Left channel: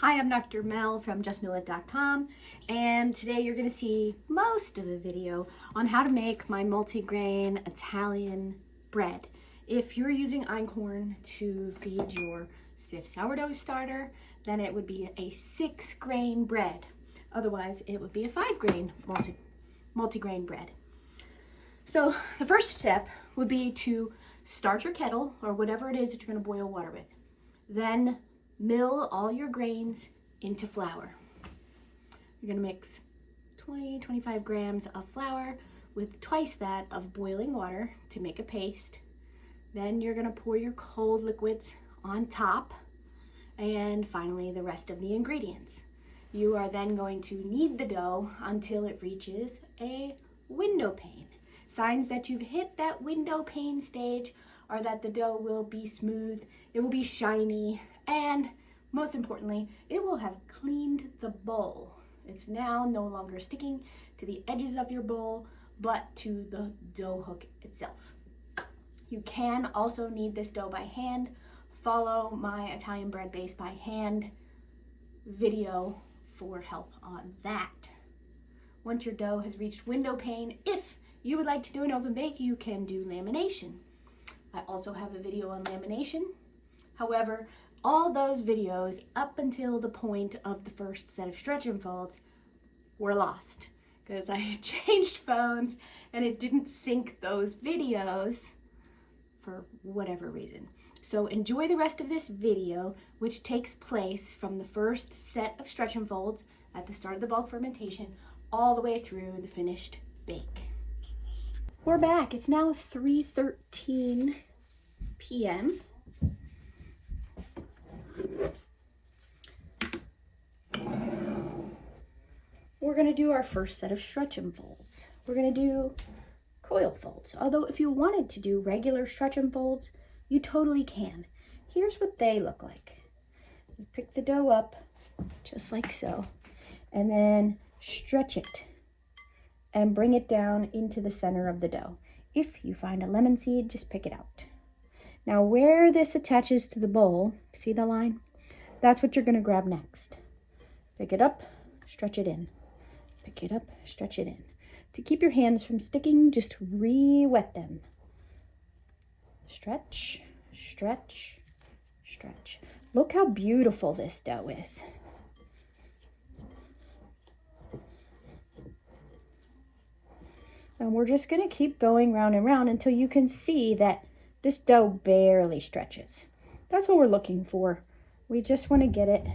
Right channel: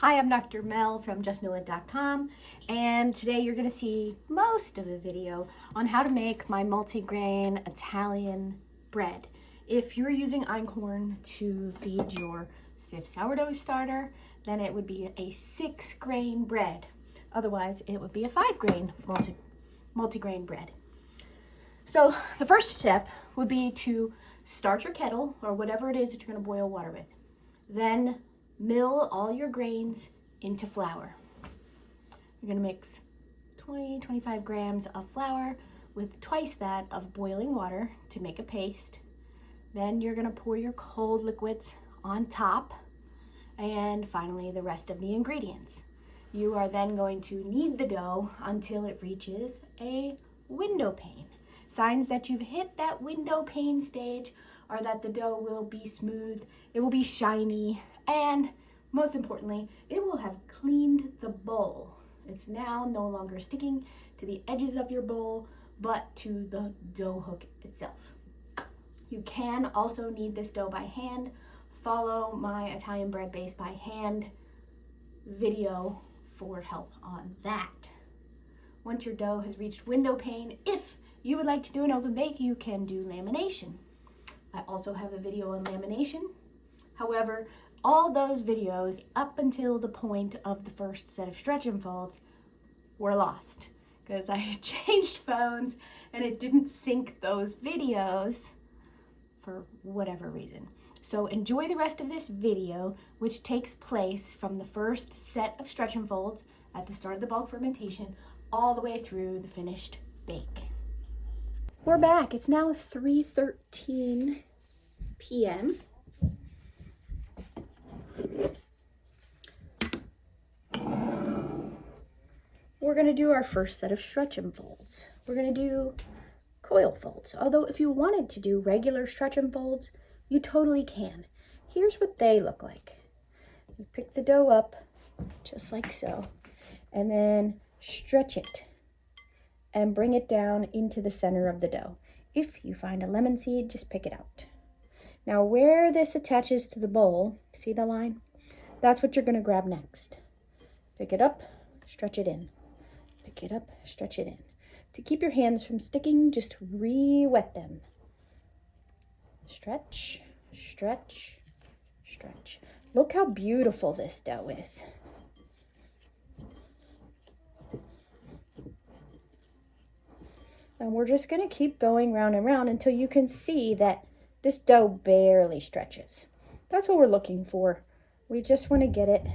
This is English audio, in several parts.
Hi, I'm Dr. Mel from justmillet.com, and today you're going to see most of the video on how to make my multigrain Italian bread. If you're using einkorn to feed your stiff sourdough starter, then it would be a 6-grain bread. Otherwise, it would be a 5-grain multigrain bread. So the first step would be to start your kettle or whatever it is that you're going to boil water with. Then mill all your grains into flour. You're gonna mix 20-25 grams of flour with twice that of boiling water to make a paste. Then you're gonna pour your cold liquids on top, and finally the rest of the ingredients. You are then going to knead the dough until it reaches a window pane. Signs that you've hit that window pane stage are that the dough will be smooth, it will be shiny, and most importantly, it will have cleaned the bowl. It's now no longer sticking to the edges of your bowl, but to the dough hook itself. You can also knead this dough by hand. Follow my Italian bread base by hand video for help on that. Once your dough has reached window pane, if you would like to do an oven bake, you can do lamination. I also have a video on lamination. However, all those videos up until the point of the first set of stretch and folds were lost because I changed phones and it didn't sync those videos for whatever reason. So enjoy the rest of this video, which takes place from the first set of stretch and folds at the start of the bulk fermentation all the way through the finished bake. We're back. It's now 3:13 p.m. We're going to do our first set of stretch and folds. We're going to do coil folds. Although if you wanted to do regular stretch and folds, you totally can. Here's what they look like. You pick the dough up just like so, and then stretch it and bring it down into the center of the dough. If you find a lemon seed, just pick it out. Now where this attaches to the bowl, see the line? That's what you're going to grab next. Pick it up, stretch it in. Pick it up, stretch it in. To keep your hands from sticking, just re-wet them. Stretch, stretch, stretch. Look how beautiful this dough is. And we're just going to keep going round and round until you can see that this dough barely stretches. That's what we're looking for. We just want to get it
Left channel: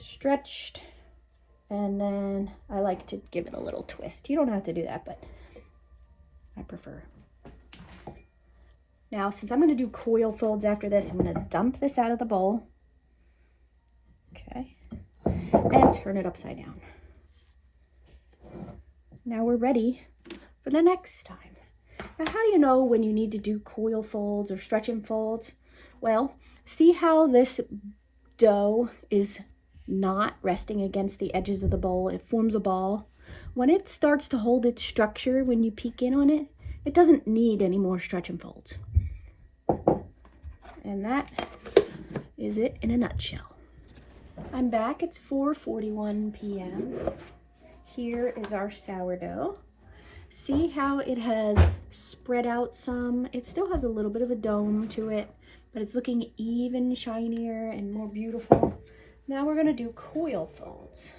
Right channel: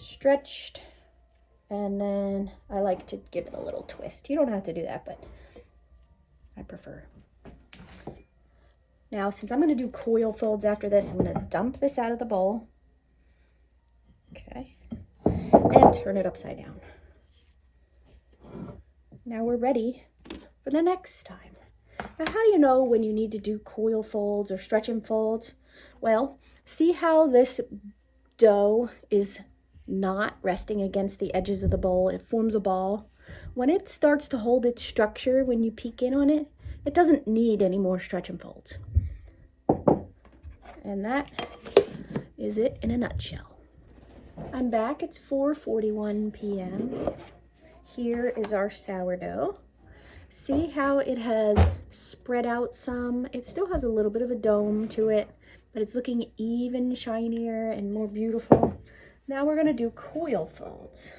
stretched, and then I like to give it a little twist. You don't have to do that, but I prefer. Now, since I'm going to do coil folds after this, I'm going to dump this out of the bowl. Okay. And turn it upside down. Now we're ready for the next time. Now, how do you know when you need to do coil folds or stretch and folds? Well, see how this dough is not resting against the edges of the bowl. It forms a ball. When it starts to hold its structure, when you peek in on it, it doesn't need any more stretch and folds. And that is it in a nutshell. I'm back. It's 4:41 p.m. Here is our sourdough. See how it has spread out some? It still has a little bit of a dome to it, but it's looking even shinier and more beautiful. Now we're going to do coil folds.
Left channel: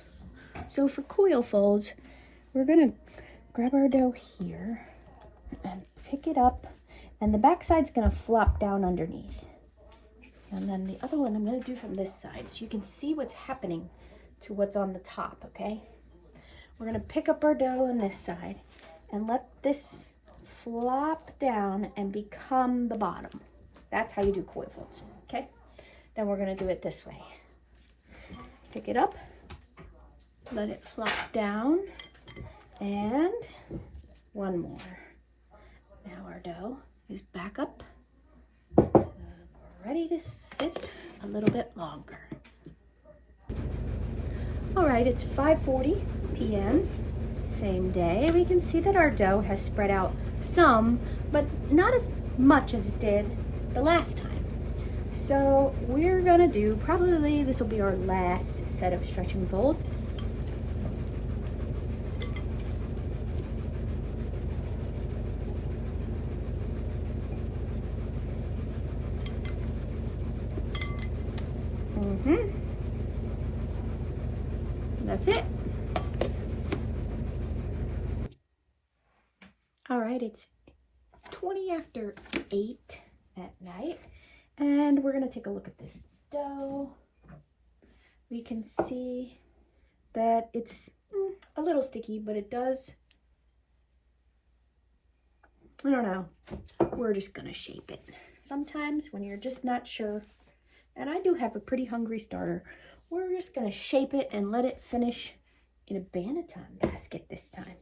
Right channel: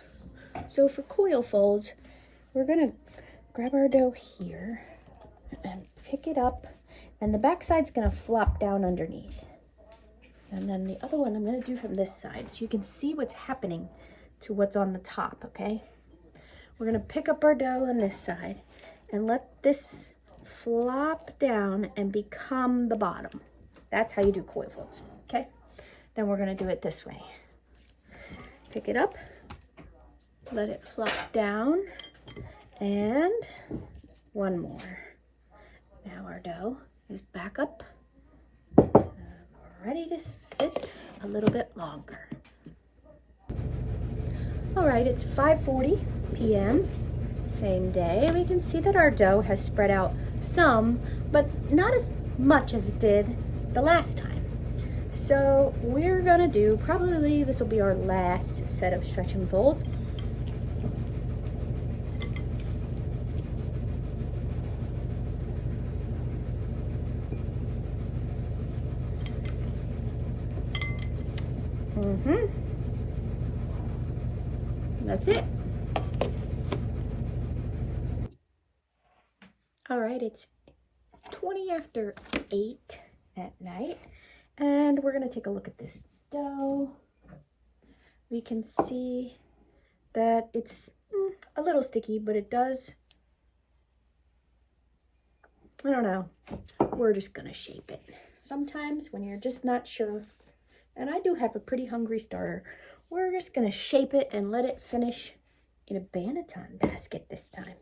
So for coil folds, we're going to grab our dough here and pick it up, and the back side's going to flop down underneath. And then the other one I'm going to do from this side so you can see what's happening to what's on the top, okay? We're going to pick up our dough on this side and let this flop down and become the bottom. That's how you do coil folds, okay? Then we're going to do it this way. Pick it up, let it flop down, and one more. Now our dough is back up, and we're ready to sit a little bit longer. All right, it's 5:40 p.m. Same day. We can see that our dough has spread out some, but not as much as it did the last time. So we're gonna do, probably this will be our last set of stretch and folds. That's it. All right, it's 20 after 8 at night, and we're gonna take a look at this dough. We can see that it's a little sticky, but it does, I don't know, we're just gonna shape it. Sometimes when you're just not sure, and I do have a pretty hungry starter, we're just gonna shape it and let it finish in a banneton basket this time.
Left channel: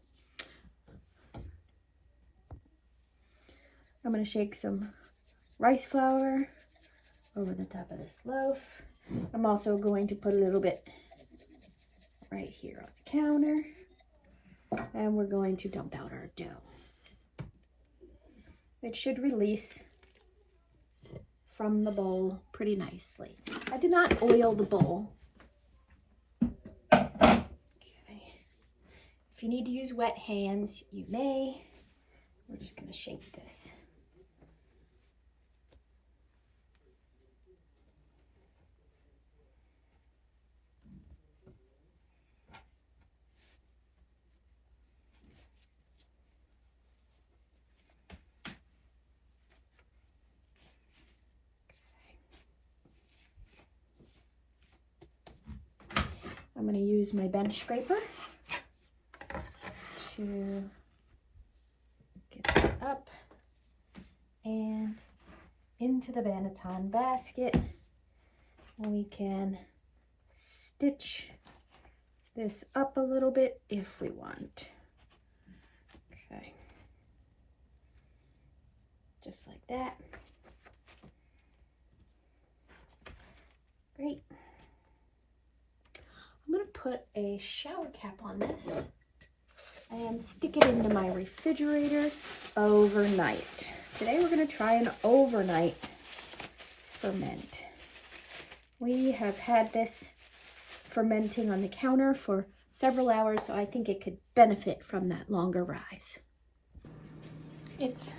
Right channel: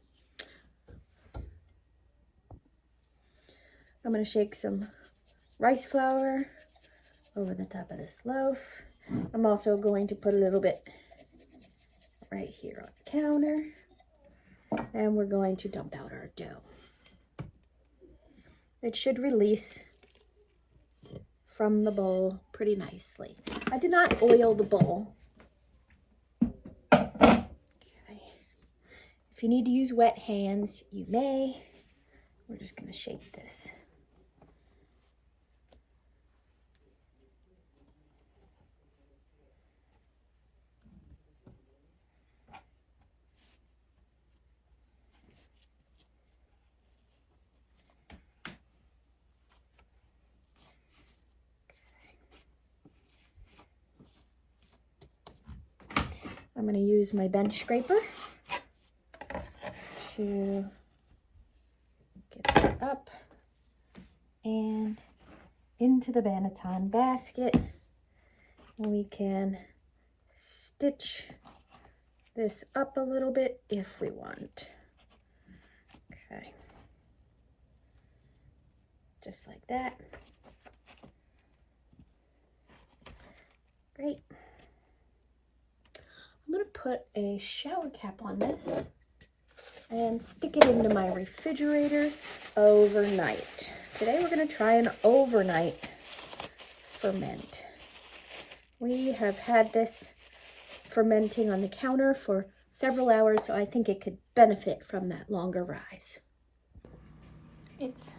I'm gonna shake some rice flour over the top of this loaf. I'm also going to put a little bit right here on the counter, and we're going to dump out our dough. It should release from the bowl pretty nicely. I did not oil the bowl. Okay. If you need to use wet hands, you may. We're just going to shape this. I'm going to use my bench scraper to get that up and into the banneton basket. And we can stitch this up a little bit if we want. Okay. Just like that. Great. I'm going to put a shower cap on this and stick it into my refrigerator overnight. Today we're going to try an overnight ferment. We have had this fermenting on the counter for several hours, so I think it could benefit from that longer rise. It's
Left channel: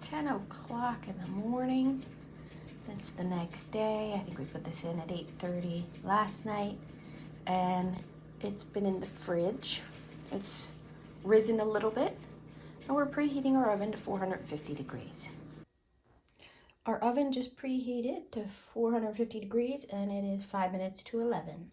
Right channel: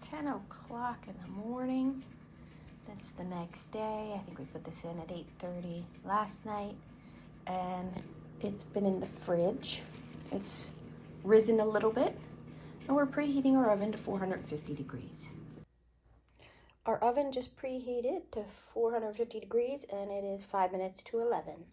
10 o'clock in the morning. That's the next day. I think we put this in at 8:30 last night. And it's been in the fridge. It's risen a little bit, and we're preheating our oven to 450 degrees. Our oven just preheated to 450 degrees, and it is 5 minutes to 11.